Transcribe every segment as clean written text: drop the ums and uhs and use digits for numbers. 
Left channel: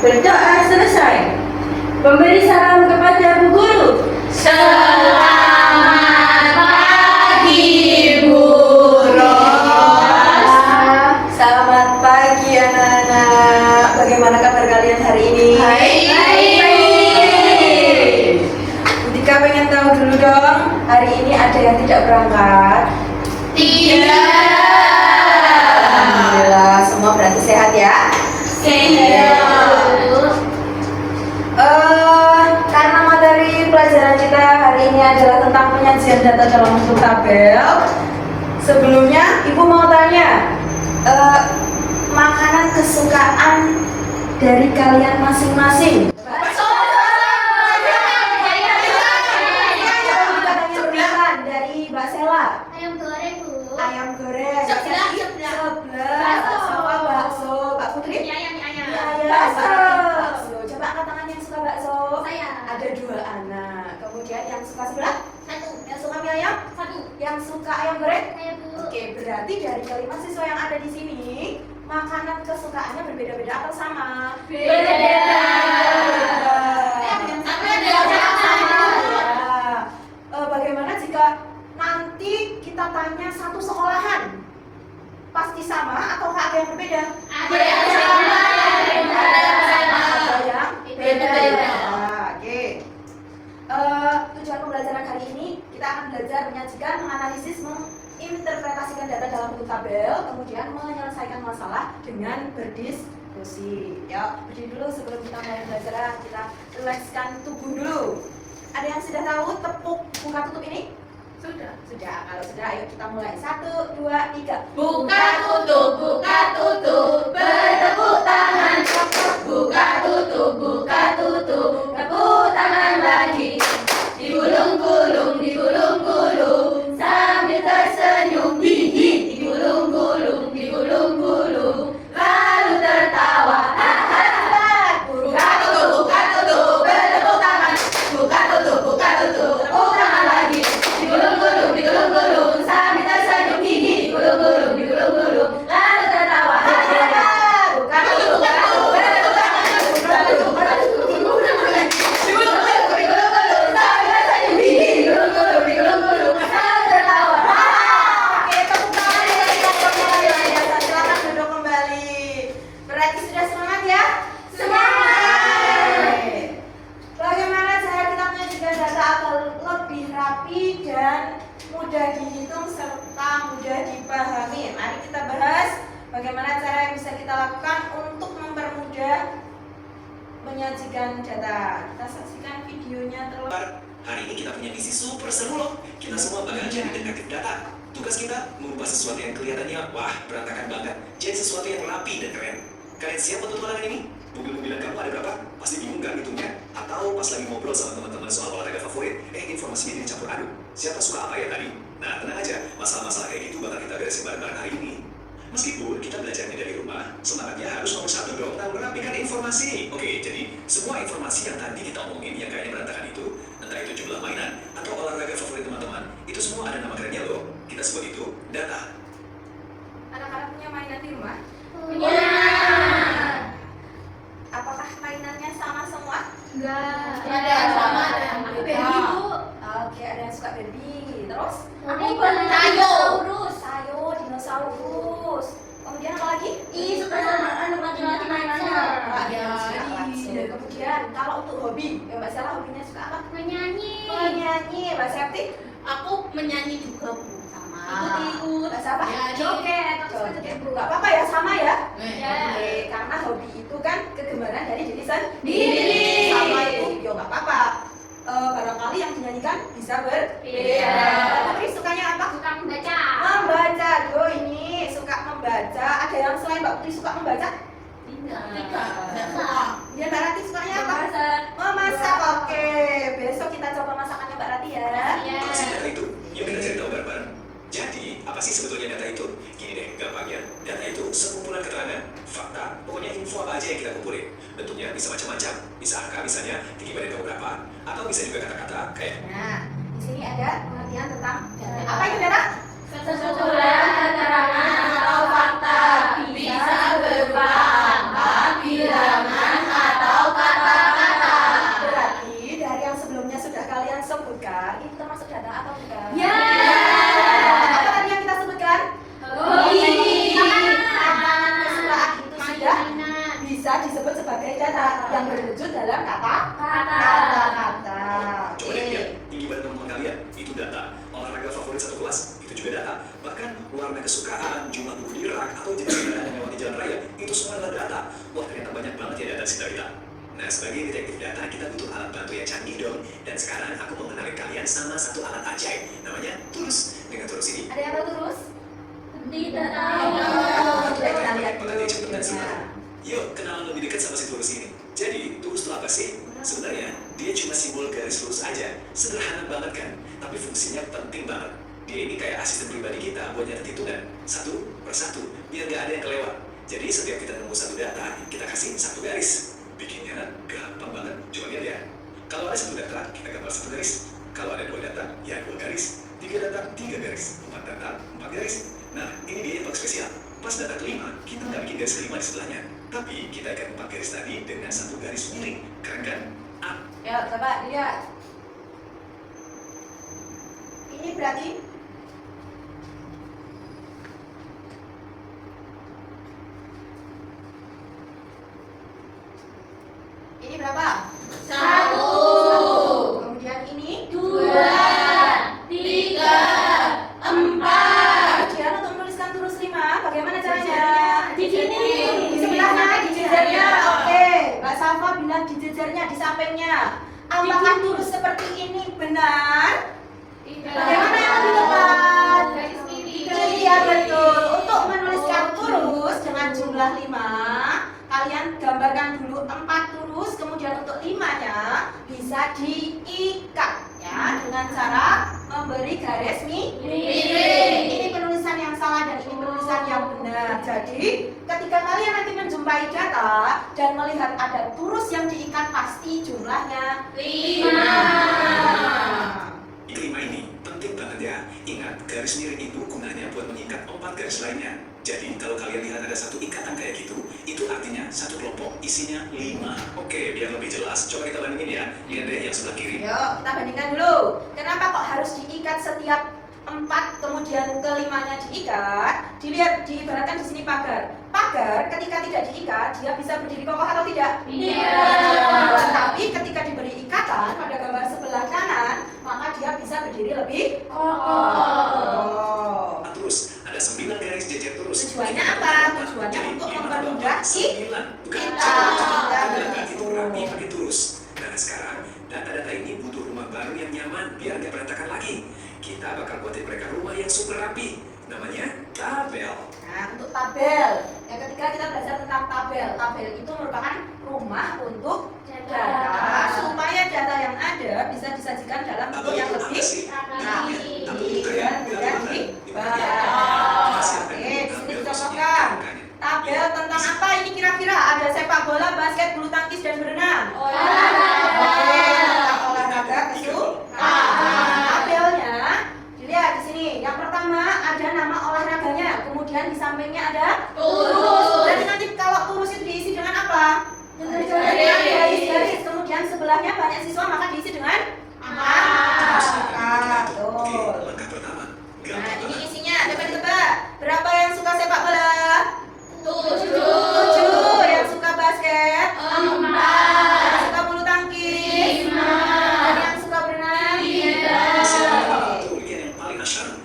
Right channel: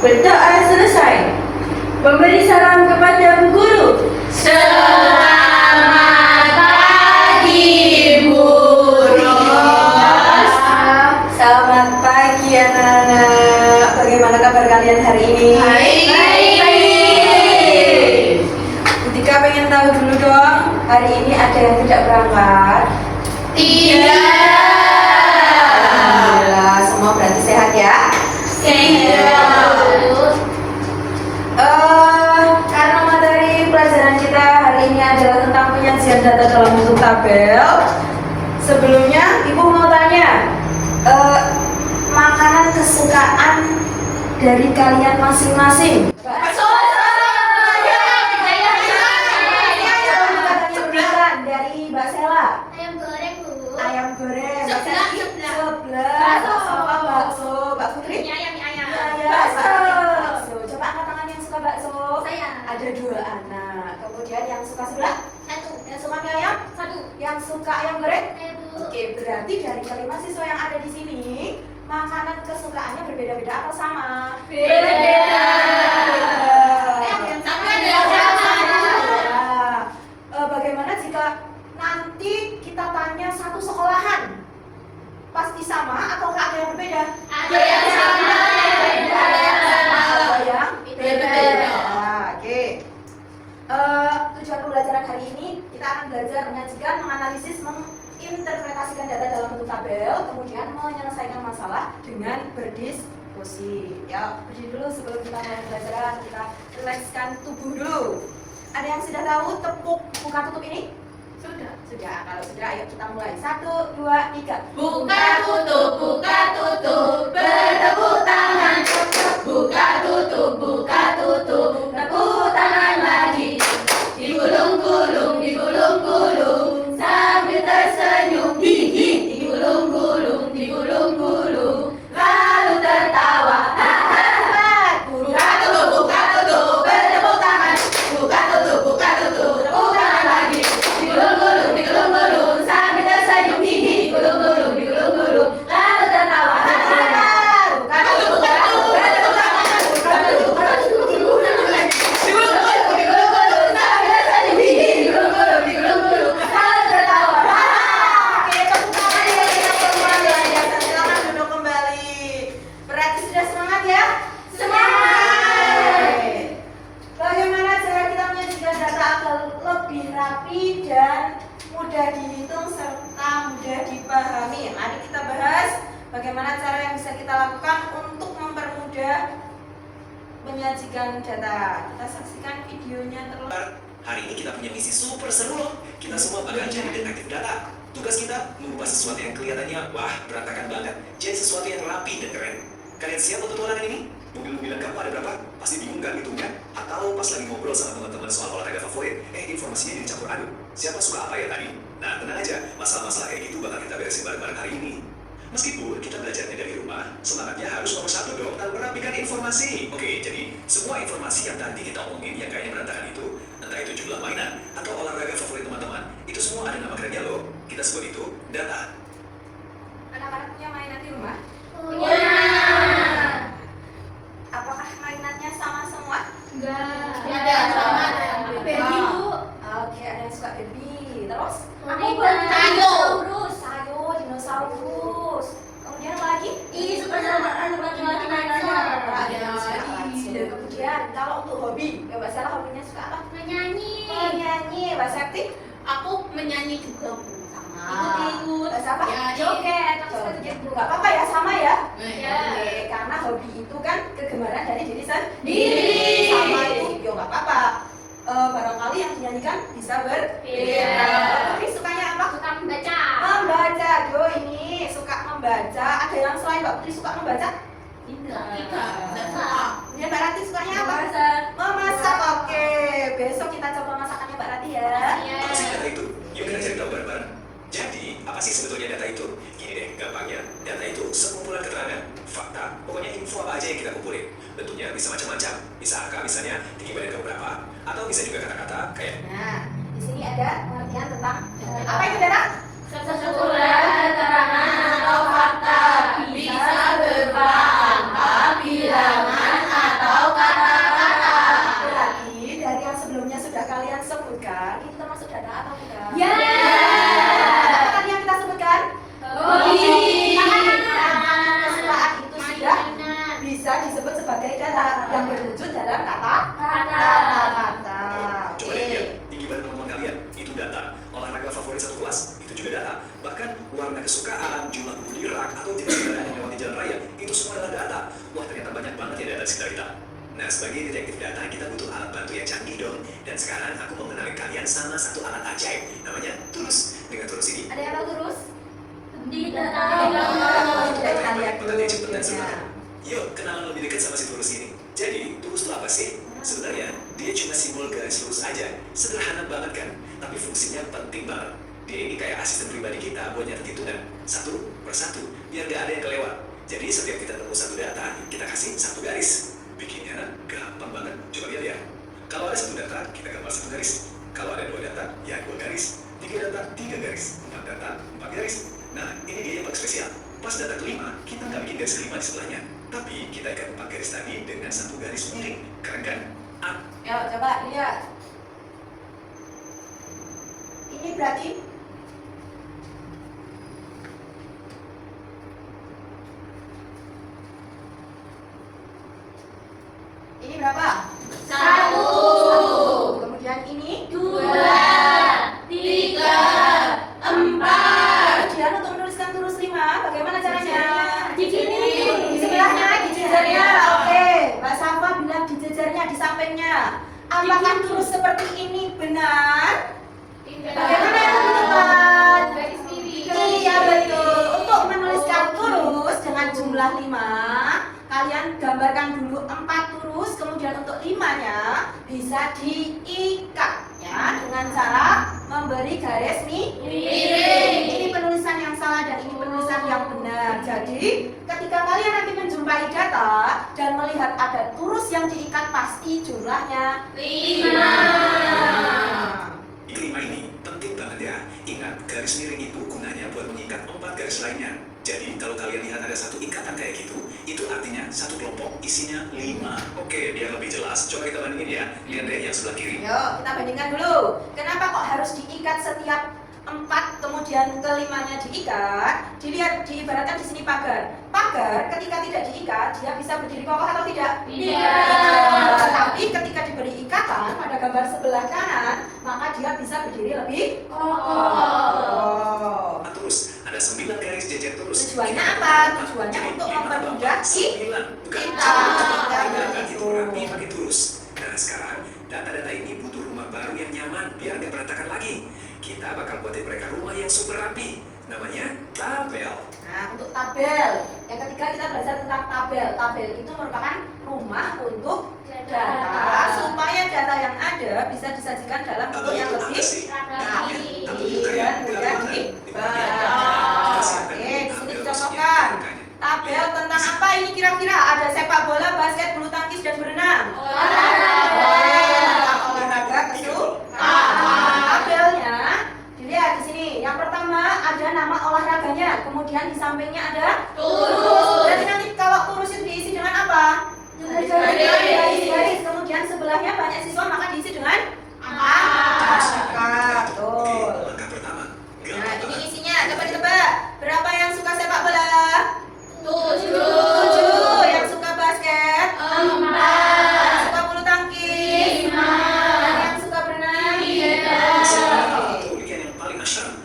Berdoa selesai. Memberi salam kepada Bu Guru. Selamat pagi, Bu Ros. Selamat pagi anak-anak. Bagaimana kabar kalian hari ini? Baik. Jika pengen tahu dulu dong, hari ini ada yang tidak berangkat? Tidak. Alhamdulillah, semua berarti sehat ya? Sehat. Karena materi pelajaran kita hari ini adalah tentang penyajian data dalam bentuk tabel. Sebelumnya, Ibu mau tanya, makanan kesukaan dari kalian masing-masing? Dari Mbak Sela. Ayam goreng, Bu. Ayam goreng. Sebelah. Sama bakso. Mbak Putri? Ayam. Bakso. Coba angkat tangan yang suka bakso. Saya. Ada 2 anak. Kemudian yang suka sebelah? 1. Yang suka mie ayam? 1. Yang suka ayam goreng? Saya, Bu. Oke, berarti dari kelima siswa yang ada di sini, makanan kesukaannya berbeda-beda atau sama? Berbeda. Sama Ya. Bagaimana jika nanti kita tanya satu sekolahan? Pasti sama atau ada yang berbeda? Ada yang sama, ada yang sama. Ada yang Berbeda. Oke. Tujuan pembelajaran hari ini kita akan belajar menyajikan, menganalisis, menginterpretasikan data dalam bentuk tabel, kemudian menyelesaikan masalah dengan berdiskusi. Ya, berdiri dulu sebelum kita mulai pembelajaran. Kita rilekskan tubuh dulu. Ada yang sudah tahu tepuk buka tutup ini? Sudah. Sudah. Kalau sudah, ayo kita mulai. 1, 2, 3. Buka tutup, bertepuk tangan. Buka tutup, tepuk tangan lagi. Digulung-gulung, sambil tersenyum. Digulung-gulung, lalu tertawa. Buka tutup, bertepuk tangan. Buka tutup, tepuk tangan lagi. Digulung-gulung, sambil tersenyum. Digulung-gulung, lalu tertawa. Buka tutup, bertepuk tangan. Digulung-gulung, sambil tersenyum. Digulung-gulung, lalu tertawa. Oke, tepuk tangan ya, luar biasa. Silakan duduk kembali. Berarti sudah semangat ya? Semangat. Bagaimana cara kita menyajikan data agar lebih rapi dan mudah dihitung serta mudah dipahami? Mari kita bahas bagaimana cara yang bisa kita lakukan untuk mempermudah menyajikan data. Kita saksikan videonya terlebih. Hari ini kita punya misi super seru loh. Kita semua bakal jadi detektif data. Tugas kita mengubah sesuatu yang kelihatannya wah berantakan banget jadi sesuatu yang rapi dan keren. Kalian siap untuk petualangan ini? Mobil-mobilan kamu ada berapa? Pasti bingung gak ngitungnya? Atau pas lagi ngobrol sama teman-teman soal olahraga favorit, informasinya jadi campur aduk. Siapa suka apa ya tadi? Nah tenang aja, masalah-masalah kayak gitu bakal kita beresin bareng-bareng hari ini. Meskipun kita belajarnya dari rumah, semangatnya harus nomor 1 dong, dan merapikan informasi. Oke, jadi semua informasi yang tadi kita omongin yang kayaknya berantakan itu, entah itu jumlah mainan atau olahraga favorit teman-teman, itu semua ada nama kerennya loh. Kita sebut itu data. Anak-anak punya mainan di rumah? Punya. Apakah mainannya sama semua? Enggak. Ada sama, ada yang beda. Baby, Bu. Oke, ada yang suka baby. Terus? Dinosaurus. Kemudian apa lagi? Suka sama anak laki-laki mainannya. Ada yang suka lagu. Kemudian kalau untuk hobi, ya Mbak Sela hobinya suka apa? Menyanyi. Menyanyi. Mbak Septi? Aku menyanyi juga, Bu. Sama. Ikut. Mbak siapa? Ya, Joget. Bu, nggak apa-apa ya, sama ya. Ya. Oke, karena hobi itu kan kegemaran dari diri Sendiri. Sama itu, yo nggak apa-apa. Barangkali yang dinyanyikan bisa berbeda. Tapi sukanya apa? Suka membaca. Membaca. Yo ini suka membaca. Ada yang selain Mbak Putri suka membaca? Tidak. Kemudian Mbak Rati sukanya apa? Memasak. Memasak. Oke, besok kita coba masakannya Mbak Rati ya. Apa sih data itu? Yuk kita cari tahu bareng-bareng. Jadi, apa sih sebetulnya data itu? Gini deh, gampangnya, data itu sekumpulan keterangan, fakta, pokoknya info apa aja yang kita kumpulin. Bentuknya bisa macam-macam, bisa angka misalnya, tinggi badan kamu berapa, atau bisa juga kata-kata kayak. Nah, di sini ada pengertian tentang apa itu data? Sekumpulan keterangan atau fakta bisa berupa angka, bilangan, bisa disebut sebagai data yang berwujud dalam kata-kata. Coba deh lihat, tinggi badan teman-teman kalian, itu data. Olahraga favorit satu kelas, itu juga data. Bahkan warna kesukaan, jumlah buku di rak, atau jenis kendaraan yang melewati jalan raya, itu semua adalah data. Wah, ternyata banyak banget ya data di sekitar kita. Nah, sebagai detektif data, kita butuh alat bantu yang canggih dong. Dan sekarang aku mau mengenalin kalian sama satu alat ajaib, namanya Turus. Dengan Turus ini, Ada yang tahu terus? Tidak Kita lihat dulu. peneliti cepet dan sebentar. Yuk, kenalan lebih dekat sama si Turus ini. Jadi, Turus itu apa sih? Sebenarnya, dia cuma simbol garis lurus aja. Sederhana banget kan? Tapi fungsinya penting banget. Dia ini kayak asisten pribadi kita buat nyatet hitungan. Satu persatu, biar gak ada yang kelewat. Jadi, setiap kita nemu satu data, kita kasih satu garis. Bikinnya gampang banget. Coba lihat ya. Kalau ada satu data, kita gambar satu garis. Kalau ada dua data, ya dua garis. Tiga data, tiga garis. Empat data, empat garis. Nah, ini dia yang paling spesial. Pas data kelima, kita nggak bikin garis kelima di sebelahnya. Tapi kita ikat empat garis tadi dengan satu garis miring. Keren kan? Ya, coba lihat. Ini berarti ini berapa? 1, Kemudian ini 2, 3, 4. Kemudian untuk menuliskan turus 5, bagaimana caranya? Di sini. Di sebelahnya, di jejernya. Oke, Mbak Safa bilang di jejernya, di sampingnya. Apakah turus seperti ini benar? Bagaimana yang membutuhkan? Garis miring. Iya betul. Untuk menuliskan turus dengan jumlah 5, kalian gambarkan dulu 4 turus, kemudian untuk 5-nya bisa diikat ya dengan cara memberi garis miring. Ini penulisan yang salah dan ini penulisan yang benar. Jadi, ketika kalian nanti menjumpai data dan melihat ada turus yang diikat, pasti jumlahnya 5. Kelima ini penting banget ya. Ingat, garis miring itu gunanya buat mengikat 4 garis lainnya. Jadi, kalau kalian lihat ada satu ikatan kayak gitu, itu artinya satu kelompok isinya 5. Oke, biar lebih jelas, coba kita bandingin ya. Lihat deh yang sebelah kiri. Yuk, kita bandingkan dulu. Kenapa kok harus diikat setiap 4 kemudian kelimanya diikat? Dilihat, diibaratkan di sini pagar. Pagar ketika tidak diikat, dia bisa berdiri kokoh atau tidak? Tidak. Tapi ketika diberi ikatan pada gambar sebelah kanan, maka dia bisa berdiri lebih kokoh. Terus, ada 9 garis jejer terus. Tujuannya apa? Tujuannya untuk mempermudah kita. Bukan, kita. itu rapi pakai turus. Nah, sekarang data-data ini butuh rumah baru yang nyaman biar nggak berantakan lagi. Kita bakal buatin mereka rumah yang super rapi. Namanya tabel. Nah, untuk tabel, yang ketiga kita belajar tentang tabel. Tabel itu merupakan rumah untuk data, supaya data yang ada bisa disajikan dalam bentuk yang lebih rapi dan mudah dibaca. Oke, di sini dicontohkan tabel tentang apa ini kira-kira? Ada sepak bola, basket, bulu tangkis, dan berenang. Olahraga kesukaan. Tabelnya dilihat di sini. Yang pertama ada nama olahraganya, kemudian di sampingnya ada turus. Berarti nanti kalau turus itu diisi dengan apa? Garis. Kemudian sebelahnya banyak siswa, maka diisi dengan angka. Betul. Langkah pertama. Nah, ini isinya. Coba ditebak. Berapa yang suka sepak bola? 7. 7. Yang suka basket? 4. Yang suka bulu tangkis? 5. Dan yang suka berenang? Tuh, lihat yang paling asyik.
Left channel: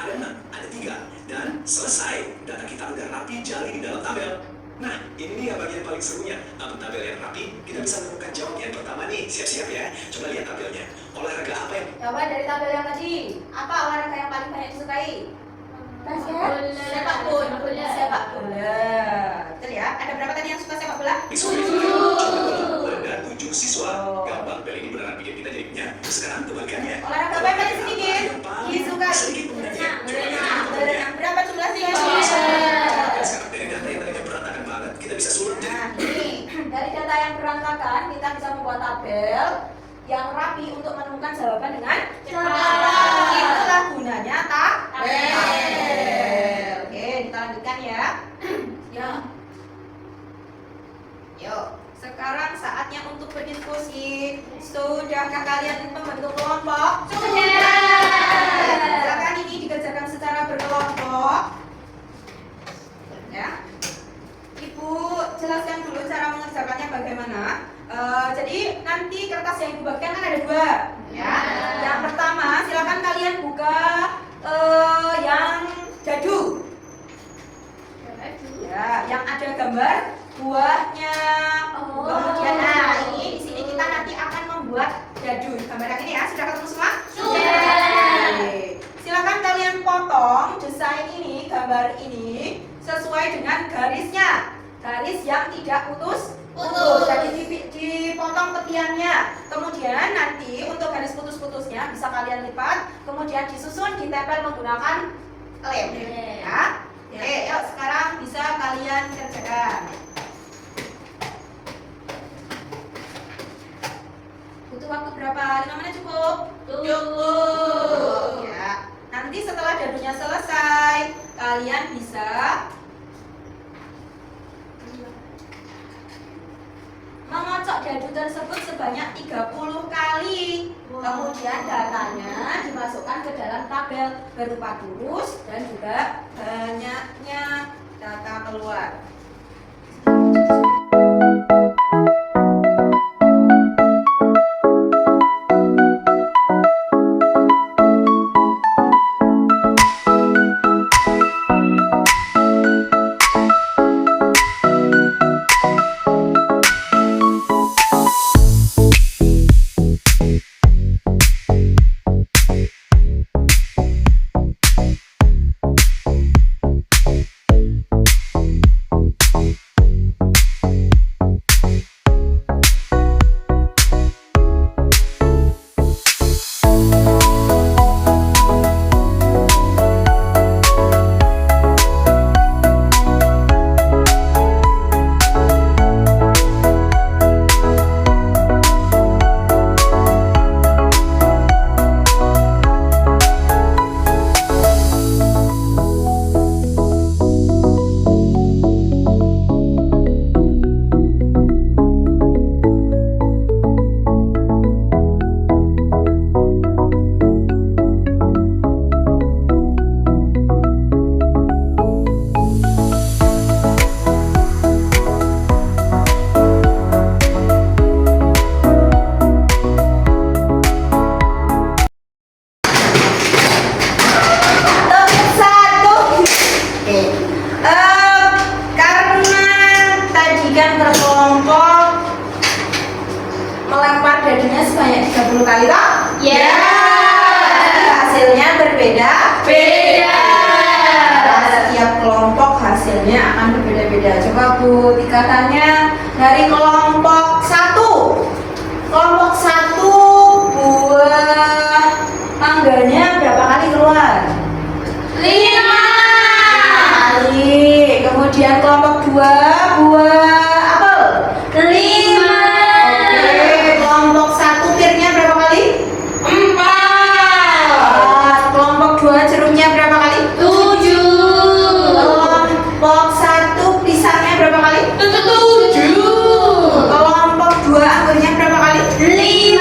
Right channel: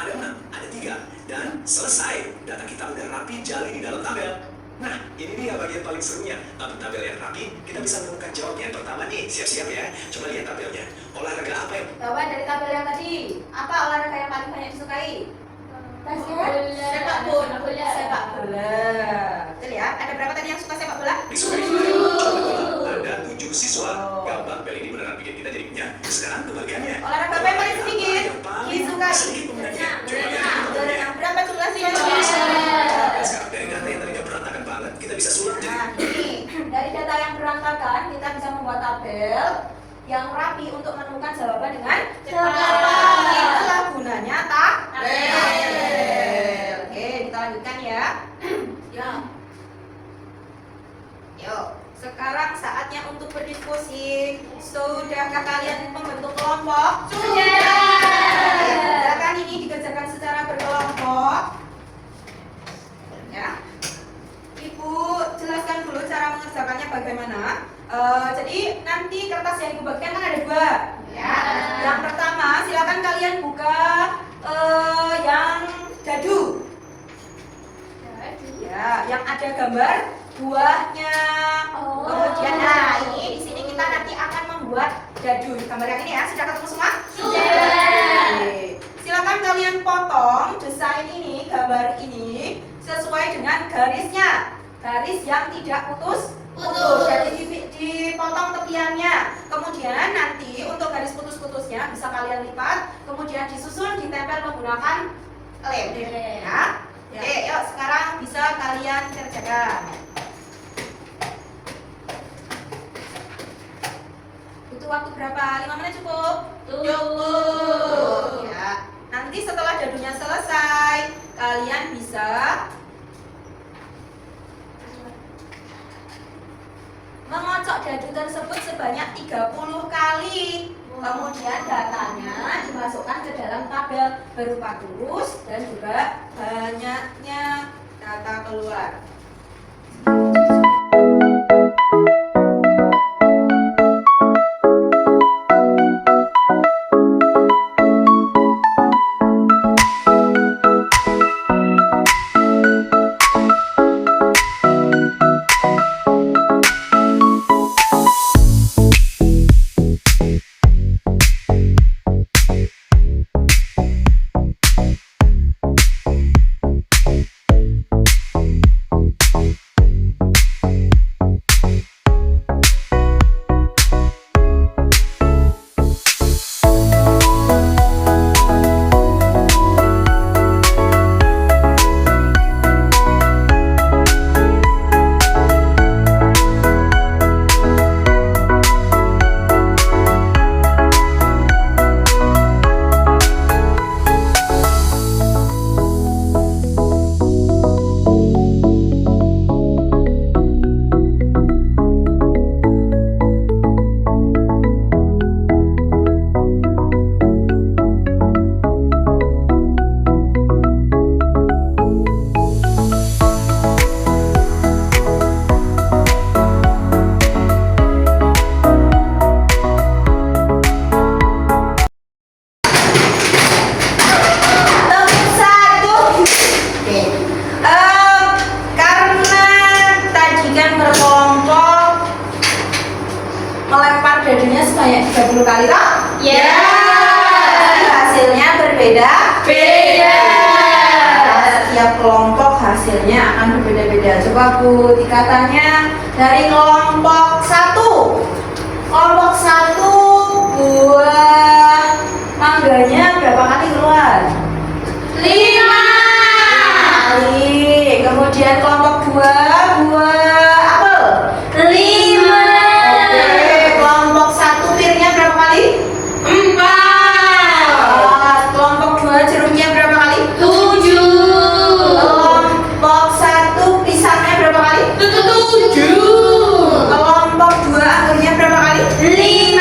Ada 6, ada 3. Dan selesai. Data kita udah rapi jali di dalam tabel. Nah, ini dia bagian paling serunya. Untuk tabel yang rapi, kita bisa menemukan jawab yang pertama nih. Siap-siap ya. Coba lihat tabelnya. Olahraga apa yang Coba dari tabel yang tadi, apa olahraga yang paling banyak disukai? Sepak bola. Sepak bola. Betul ya? Ada berapa tadi yang suka sepak bola? disukai? Ada 7 siswa. Gampang, tabel ini beneran bikin kita jadi punya. Sekarang kebalikannya. Olahraga apa yang paling sedikit? Disukai. Sedikit peminatnya. Coba lihat tabelnya. Berenang. Berapa jumlah siswa? Dan sekarang dari data yang tadinya berantakan banget, kita bisa sulut jadi Nah, ini dari data yang berantakan kita bisa membuat tabel yang rapi untuk menemukan jawaban dengan cepat. Itulah gunanya tabel. Oke, kita lanjutkan ya. Ya. Yuk, sekarang saatnya untuk berdiskusi. Sudahkah kalian membentuk kelompok? Silakan ini dikerjakan secara berkelompok. Ya. Ibu jelaskan dulu cara bagaimana. Jadi nanti kertas yang ibu bagikan kan ada dua, ya. Yang pertama silakan kalian buka yang dadu. Ya, yang ada gambar buahnya. Kemudian nah ini di sini kita nanti akan membuat dadu. Gambar yang ini ya, sudah ketemu semua? Sudah. Oke. Silakan kalian potong desain ini, gambar ini sesuai dengan garisnya. Garis yang tidak putus. Jadi dipotong tepiannya. Kemudian nanti untuk garis putus-putusnya bisa kalian lipat, kemudian disusun, ditempel menggunakan lem. Ya. Oke, yuk sekarang bisa kalian kerjakan. Butuh waktu berapa? 5 menit cukup? Cukup. Ya. Nanti setelah dadunya selesai, kalian bisa mengocok dadu tersebut sebanyak 30 kali. Kemudian datanya dimasukkan ke dalam tabel berupa kurus dan juga banyaknya data keluar. Dadunya sebanyak 30 kali toh? Ya. Jadi hasilnya berbeda. Setiap kelompok hasilnya akan berbeda-beda. Coba Bu dikatanya dari kelompok 1. Kelompok 1 buah mangganya berapa kali keluar? 5 kali. Kemudian kelompok 2 buah apel? 5 Kelompok 1 pirnya berapa kali? 4. Kelompok 2 jeruknya berapa kali? 7 Kelompok 1 pisangnya berapa kali? 7 Kelompok 2 anggurnya berapa kali? 5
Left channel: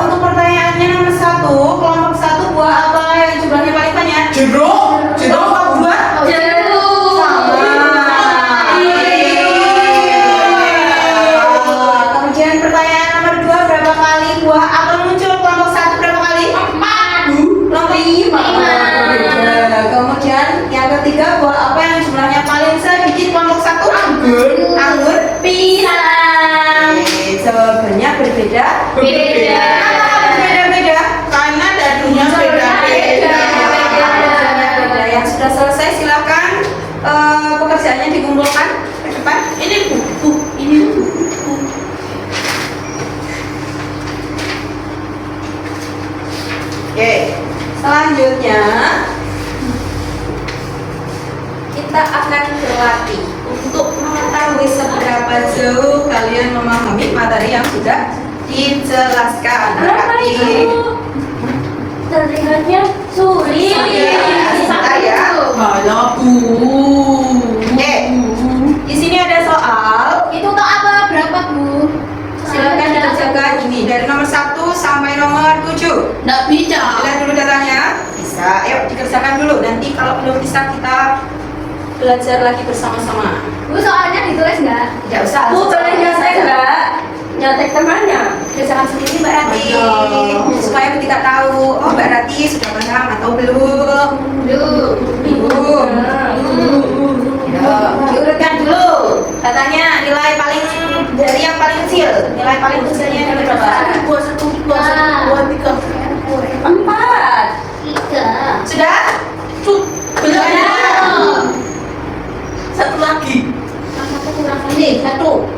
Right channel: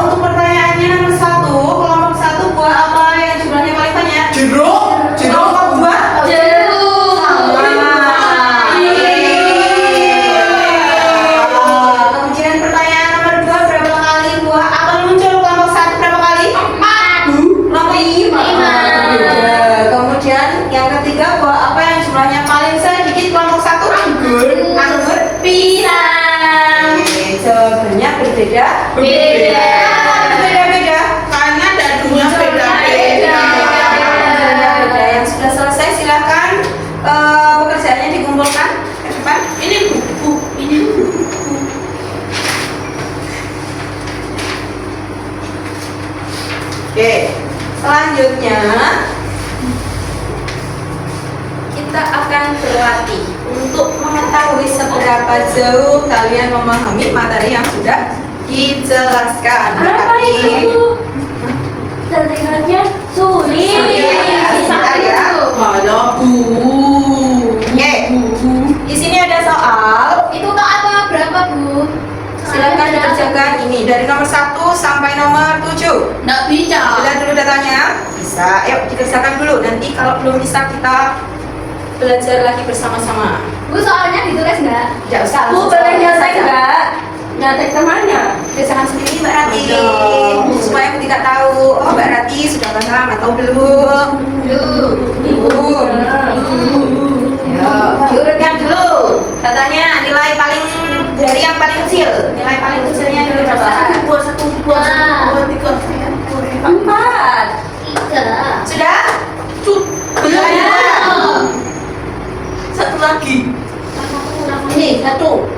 Untuk pertanyaannya nomor 1, kelompok 1 buah apa yang jumlahnya paling banyak? Jeruk. Kelompok 2 jeruk. Kemudian pertanyaan nomor 2, berapa kali buah apel muncul? Kelompok 1 berapa kali? 4 Kelompok 5. Kemudian yang ketiga, buah apa yang jumlahnya paling sedikit? Kelompok 1 anggur. pisang. Oke, jawabannya berbeda. Beda. Berbeda-beda. Karena dadunya beda-beda. Beda. Yang sudah selesai silakan pekerjaannya dikumpulkan ke depan. Ini buku, ini buku. Oke, selanjutnya kita akan berlatih untuk mengetahui seberapa jauh kalian memahami materi yang sudah dijelaskan. Berapa itu? Terlihatnya sulit. Sebentar ya. Ada Oke, di sini ada soal. Itu kok apa? Berapa, Bu? Silakan dikerjakan ini dari nomor 1 sampai nomor 7. Nggak bisa. Lihat dulu datanya. Bisa. Ayo dikerjakan dulu. Nanti kalau belum bisa kita belajar lagi bersama-sama. Bu, soalnya ditulis nggak? Tidak usah. Bu, boleh nyontek nggak? Nyontek temannya. Jangan sendiri Mbak Rati, Betul. supaya ketika tahu, oh Mbak Rati sudah paham atau belum. Belum. Ya, diurutkan dulu. Katanya nilai paling dari yang paling kecil. Nilai paling kecilnya nilai berapa? 4. 3. Sudah? Belum. Belum. Satu lagi. Ini Satu.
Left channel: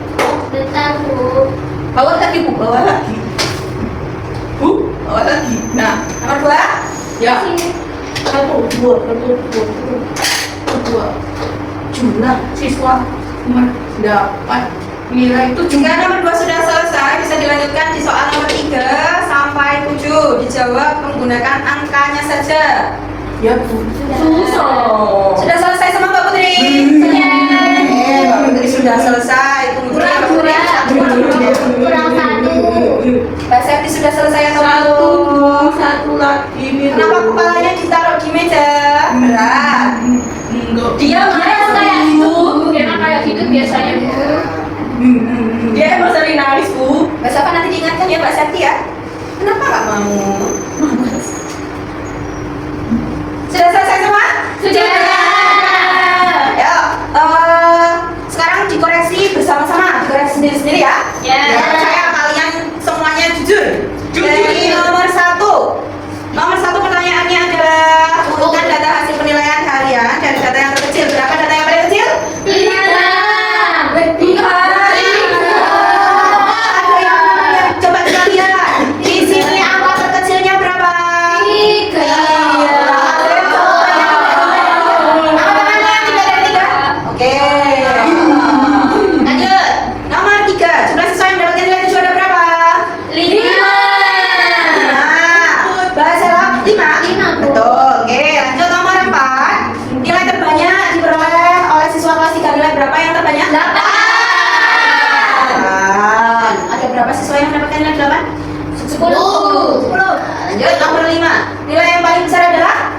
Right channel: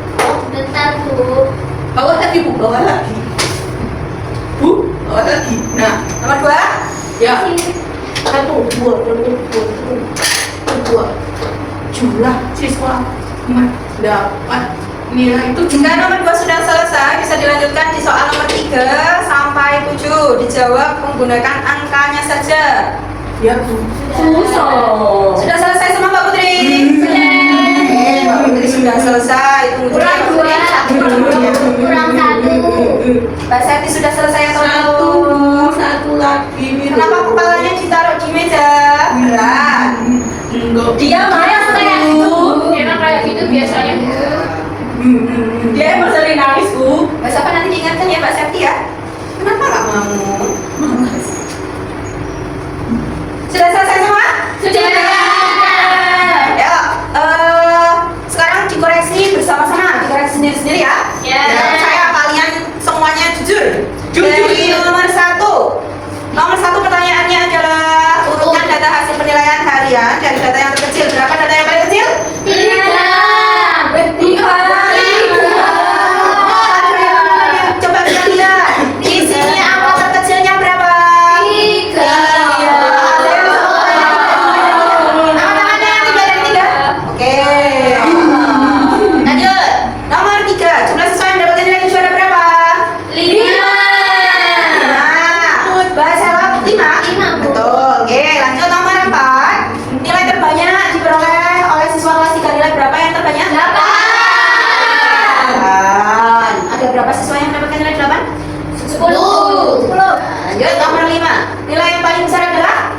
bentar Bu. Bawa lagi Bu, bawa lagi. Bu, bawa lagi. Nah, Nomor 2. ya. 1, 2, 2. Jumlah siswa mendapat nilai 7. Jika nomor 2 sudah selesai, bisa dilanjutkan di soal nomor 3 sampai 7. Dijawab menggunakan angkanya saja. Ya Bu. Susah. Sudah selesai semua Mbak Putri? Mbak Putri sudah selesai. Tunggu dulu. Kurang 1. Mbak Septi sudah selesai atau belum? Satu lagi. Kenapa kepalanya ditaruh di meja? Berat. Enggak. Dia marah kayak gitu. Emang kayak gitu biasanya. Dia emang sering nangis Bu. Mbak Sofa nanti diingatkan ya Mbak Septi ya. Kenapa nggak mau? Sudah selesai semua? Sudah. Ya, sekarang dikoreksi bersama-sama, dikoreksi sendiri-sendiri ya. Ya. Saya kalian semuanya jujur. Jujur. Dari nomor 1. Nomor 1 pertanyaannya adalah urutkan data hasil penilaian harian dari data yang terkecil. Berapa data yang paling kecil? 3. Ada yang namanya? Coba kita lihat. Di sini angka terkecilnya berapa? 3. Iya. Ada yang angkat tangannya yang 3 dari 3. Oke. Lanjut. Nomor 3. Jumlah siswa yang mendapatkan nilai 7 ada berapa? 5. Bahasa Arab 5? 5, Bu. Betul. Oke, lanjut nomor 4. Nilai terbanyak diperoleh oleh siswa kelas 3. Nilai berapa yang terbanyak? 8. Ada berapa siswa yang mendapatkan nilai 8? 10. 10. Lanjut nomor 5. Nilai yang paling besar adalah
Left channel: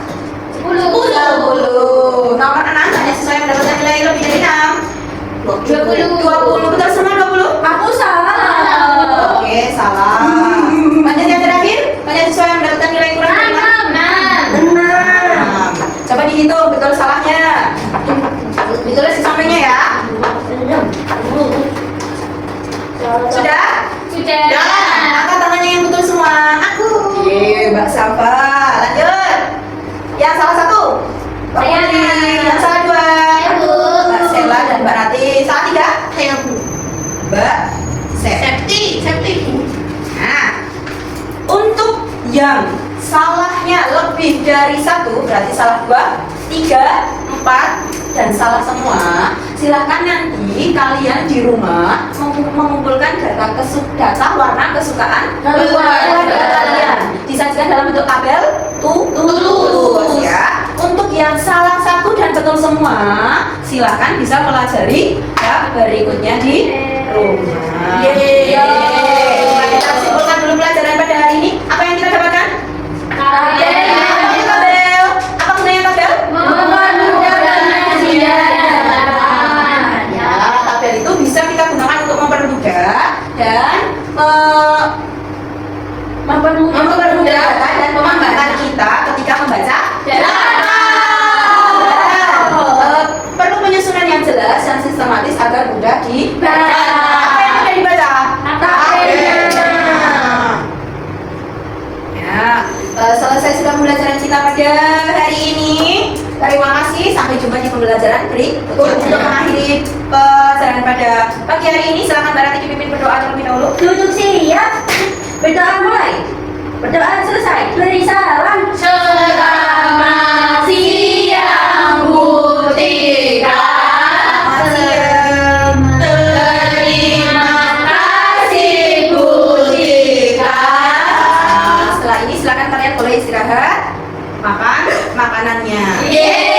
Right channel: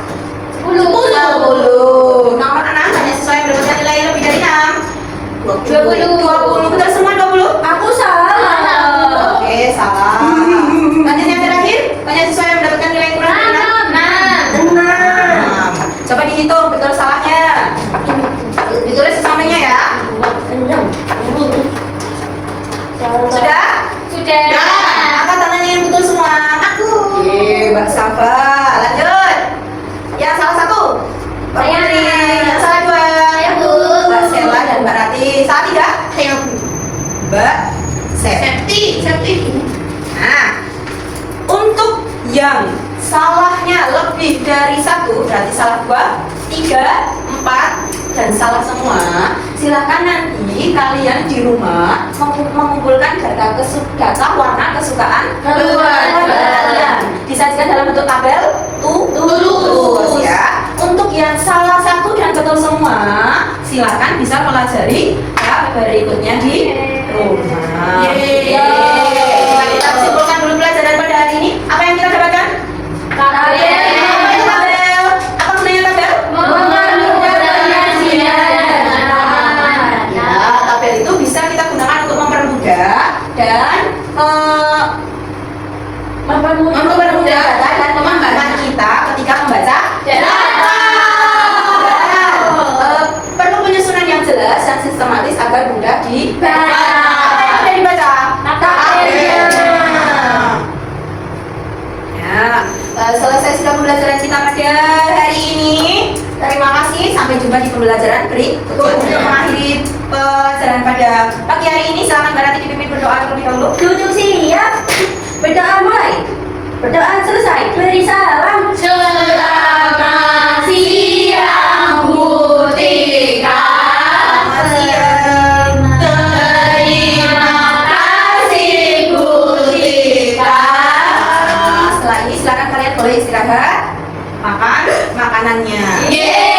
10. 10. Nomor 6. Banyak siswa yang mendapatkan nilai lebih dari 6. 20. Betul semua 20? Aku salah. Oke, salah. Lanjut yang terakhir. Banyak siswa yang mendapatkan nilai kurang dari 6. 6. Coba dihitung betul salahnya. Ditulis di sampingnya ya. Sudah? Sudah. Ya. Angkat tangannya yang betul semua. Aku. Oke, Mbak Safa. Lanjut. Yang salah 1. Mbak Saya. Putri. Yang salah 2. Saya, Bu. Mbak Sela dan Mbak Rati. Salah 3. Saya Bu. Mbak Septi. Nah, untuk yang salahnya lebih dari 1, berarti salah 2, 3, 4, dan salah semua, silahkan nanti kalian di rumah mengumpulkan data warna kesukaan keluarga kalian. Disajikan dalam bentuk tabel tulis ya. Untuk yang salah 1 dan betul semua, silahkan bisa pelajari ya berikutnya di rumah. Coba kita simpulkan dulu pelajaran pada hari ini. Apa yang kita dapatkan? Tabel. Apa gunanya tabel? Ya, tabel itu bisa kita gunakan untuk mempermudah dan mempermudah data dan pemahaman kita ketika membaca data. Perlu penyusunan yang jelas dan sistematis agar mudah dibaca. Apa yang mudah dibaca? Tabelnya. Ya, selesai sudah pembelajaran kita pada hari ini. Terima kasih. Sampai jumpa di pembelajaran berikut. Untuk mengakhiri pelajaran pada pagi hari ini, silakan Mbak Rati dipimpin berdoa terlebih dahulu. Duduk siap. Berdoa mulai. Berdoa selesai. Beri salam. Selamat siang Butika. Terima kasih Butika. Setelah ini silakan kalian boleh istirahat, makan makanannya. Yeay.